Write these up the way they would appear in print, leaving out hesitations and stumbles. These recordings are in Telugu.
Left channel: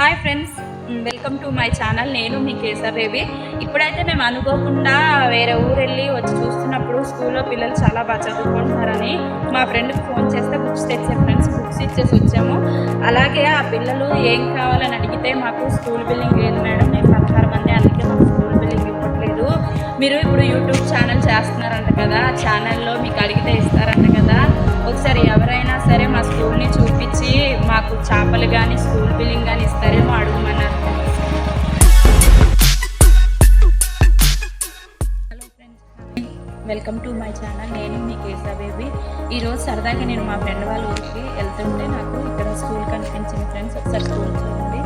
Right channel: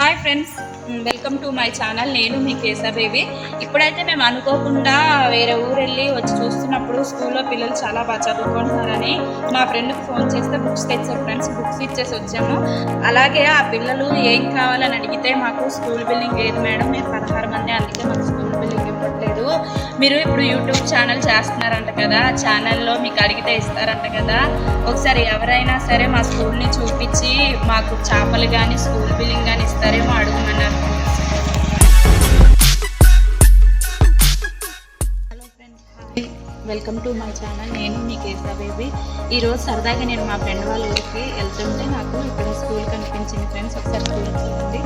Hi friends, welcome to my channel. నేను మీ కేసర్రేవి. ఇప్పుడైతే మేము అనుకోకుండా వేరే ఊరు వెళ్ళి వచ్చి చూస్తున్నప్పుడు స్కూల్లో పిల్లలు చాలా బాగా చదువుకుంటున్నారని మా ఫ్రెండ్కి ఫోన్ చేస్తే బుక్స్ తెచ్చారు ఫ్రెండ్స్. బుక్స్ ఇచ్చేసి వచ్చాము. అలాగే ఆ పిల్లలు ఏం కావాలని అడిగితే మాకు స్కూల్ బిల్డింగ్ లేదు మేడం, మేము 16 మంది, అందుకే మాకు స్కూల్ బిల్డింగ్ ఇవ్వట్లేదు. మీరు ఇప్పుడు యూట్యూబ్ ఛానల్ చేస్తున్నారంట కదా, ఆ ఛానల్లో మీకు అడిగితే ఇస్తారంట కదా, ఒకసారి ఎవరైనా సరే మా స్కూల్ని చూపించి మాకు చేపలు కానీ స్కూల్ బిల్డింగ్ కానీ ఇస్తారేమో అడుగుమన్నారు. Hello friends, welcome to my channel. నేను మీ కేసర్రేవి. ఈరోజు సరదాగా నేను మా ఫ్రెండ్ వాళ్ళ ఊరికి వెళ్తుంటే నాకు ఇక్కడ స్కూల్ కనిపించింది ఫ్రెండ్స్. ఒకసారి స్కూల్ చూడండి.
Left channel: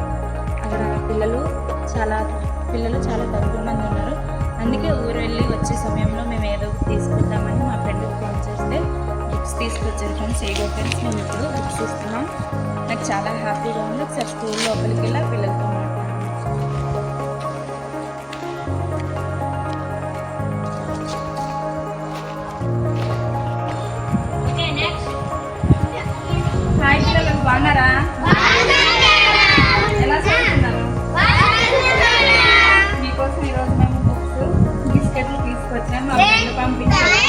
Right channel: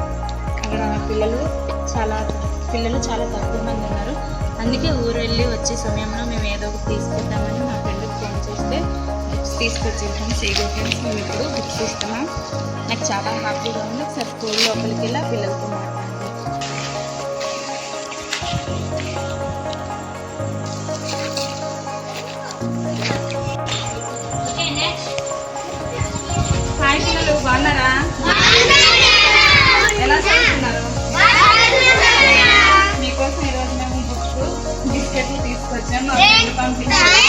అక్కడ పిల్లలు చాలా తక్కువ మంది ఉన్నారు. అందుకే ఊరు వెళ్ళి వచ్చే సమయంలో మేము ఏదో ఒకటి తీసుకుందామని మా ఫ్రెండ్కి ఫోన్ చేస్తే బుక్స్ తీసుకొచ్చారు ఫ్రెండ్స్. ఏదో ఫ్రెండ్స్ మేము ఇప్పుడు బుక్స్ ఇస్తున్నాం. నాకు చాలా హ్యాపీగా ఉంది. ఒకసారి స్కూల్ లోపలికి వెళ్ళి ఆ పిల్లలతో మాట్లాడాలి. హాయ్ పిల్లలు, బాగున్నారా? ఎలా చదువుతున్నారు? మీకోసం ఈరోజు మేము బుక్స్ బిస్కెట్లు తీసుకొచ్చాము. మా ఫ్రెండ్ పంపించారు.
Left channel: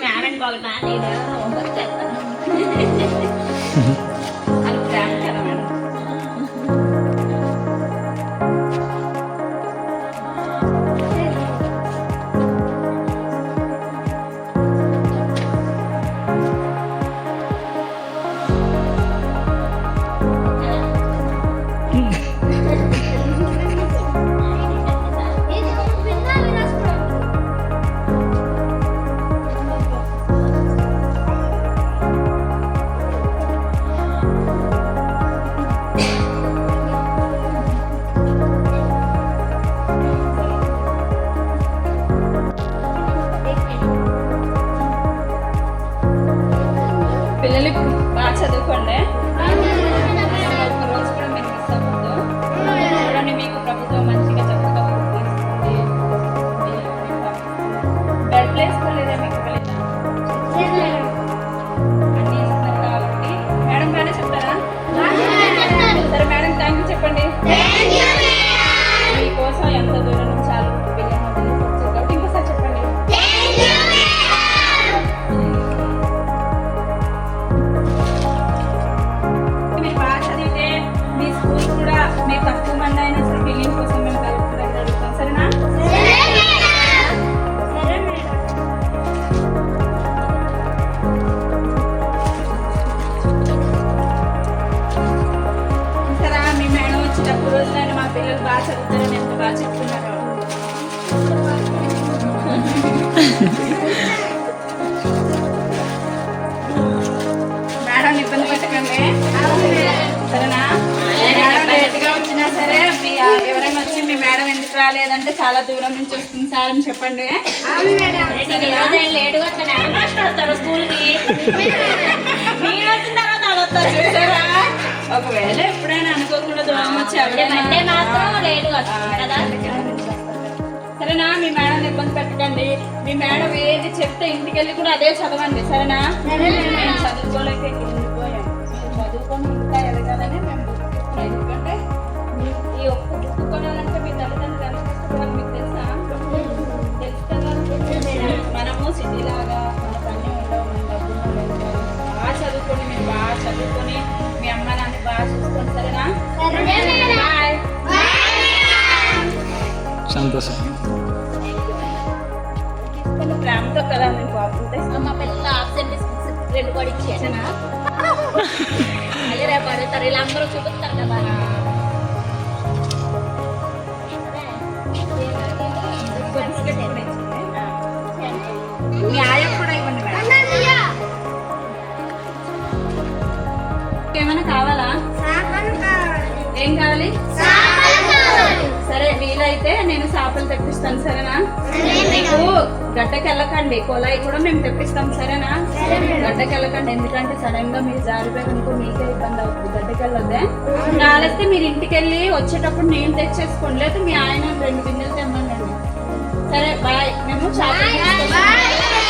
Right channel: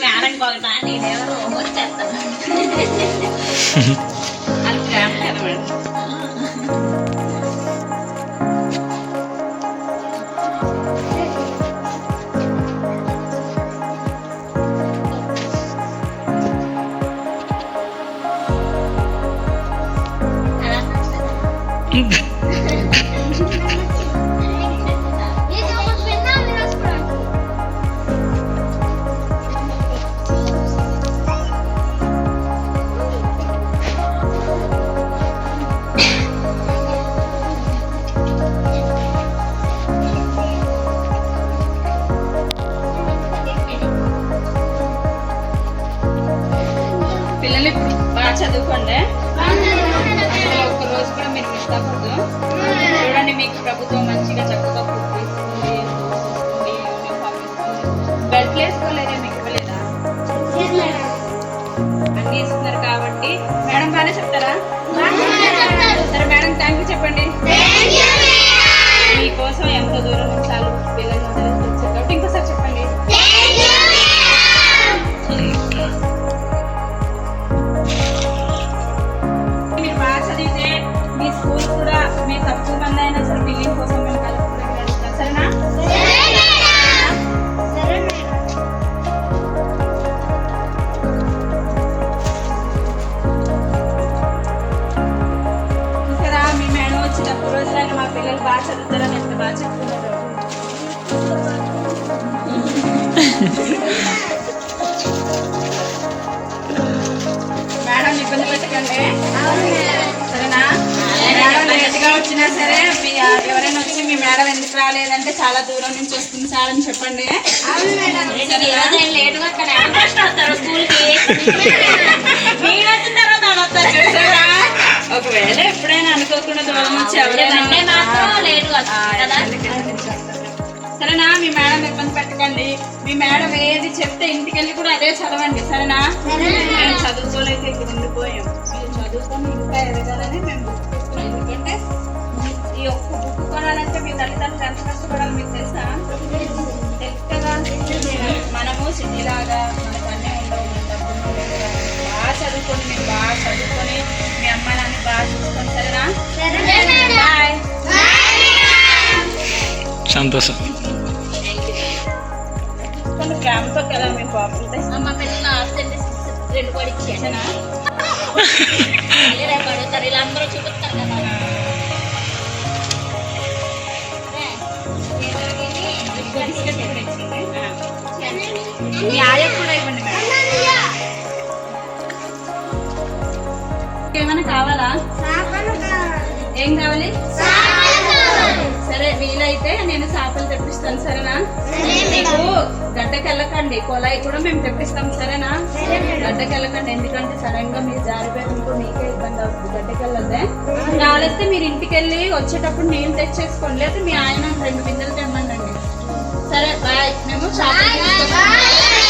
మేడం కొలటా నేనెవరో వచ్చేస్తాను. అది ప్రేమ కదా మేడం. పిల్లలు ఇప్పుడు బాగా చదువుకోండి. ఒక్క రోజు కూడా మీరు మిస్ అవ్వద్దు. చూడండి, మీకు ప్రభుత్వం మంచిగా చక్కగా ఫుడ్ ఇస్తుంది, బెల్ట్ వేసుకోలేదా? మీకు ఇవ్వలేదా? అన్నీ ఇస్తున్నారు కాబట్టి మేడం బాగానే చెప్తారా? సరే మేడం, థ్యాంక్ యూ చెప్పండి. మీకోసం ఎంతో దూరం నుంచి చాలా పిల్లలు వదిలేసి వచ్చారు కాబట్టి ఇంకోసారి చెప్పండి. మీరు బాగా చదివితే మీ స్కూల్ కూడా మీ తక్కువ మంది అయినా సరే బిల్డింగ్ కోసం మేము కలెక్టర్ దగ్గర అడుగుతాం. సరేనా? సరే, మీ మేడం వచ్చి తక్కువ రోజులైనా మా పిల్లలు బాగా చదువుతారని ఎంత బాగా చెప్తున్నారు. మేడం ఇబ్బంది పెట్టకండి, సరేనా? మేడం లేట్గా వచ్చినా సరే ఎవరైనా వచ్చి మీ మేడం ఎందుకు రాలేదంటే చాలా దూరం నుంచి వస్తుంది సార్ అని చెప్పండి. ఒకవేళ ఎప్పుడైనా అనుకోకుండా దూరం వచ్చి సరేనా? మీ మేడం ఇబ్బంది పెట్టకండి. మీ మేడం ఏది చెప్తే ఇంటికి వెళ్ళి కూడా అదే చదవండి, సరేనా? మేము చదువుకోలేక ఇక్కడ ఉండిపోయాం. మీరు చదువుకొని ఇంకా ఎదగాలని మేము బుక్ తీసుకున్నాం. ఎందుకంటే ఈ ఒక్క బుక్ కొనాలంటే మీ తల్లిదండ్రులు ఎంత కష్టపడాలి మీకు తెలుసా? తెలుసు కదా. మనము సిటీలాగా మనకు అన్నీ ఉండవు, మన డబ్బులు లేదు. బాగా చదువుకొని, మీరు బాగా చదువుకొని మీ అమ్మ నాన్న బాగా చూసుకొని, సరేనా? బాయ్. సంతోషం. ప్రేమతో కదా మేము బాబులతో మా పిల్లలు ఆబ్సెంట్ 2 కూడా ఇచ్చాను. అదే రేపు అడుగుతారు, ఇలా అందరూ చూపిస్తారు కదా. బిస్కెట్ ఏం కావాలి? సరే వీలైతే నేను చేపలు తెప్పిస్తాను, సరేనా? మీకు గడ్డకి వెళ్ళకండి, కొలాయి కూడా మేము తెప్పిస్తాం, సరేనా? గడ్డకి వెళ్ళకండి, ఎందుకంటే సడన్ గా మీరు జారిపోయారు అనుకో మీకే ఇబ్బంది అవుతుంది. గడ్డకి వెళ్ళొద్దే. కాలేస్తే మీరు ఇంటికి వెళ్ళి వచ్చేటప్పుడు నీళ్ళు తెచ్చేసుకోండి, లేదా మీ ఆయన 2 బిందెలు తెమ్మండి. సరే బాయ్, మేము షాపింగ్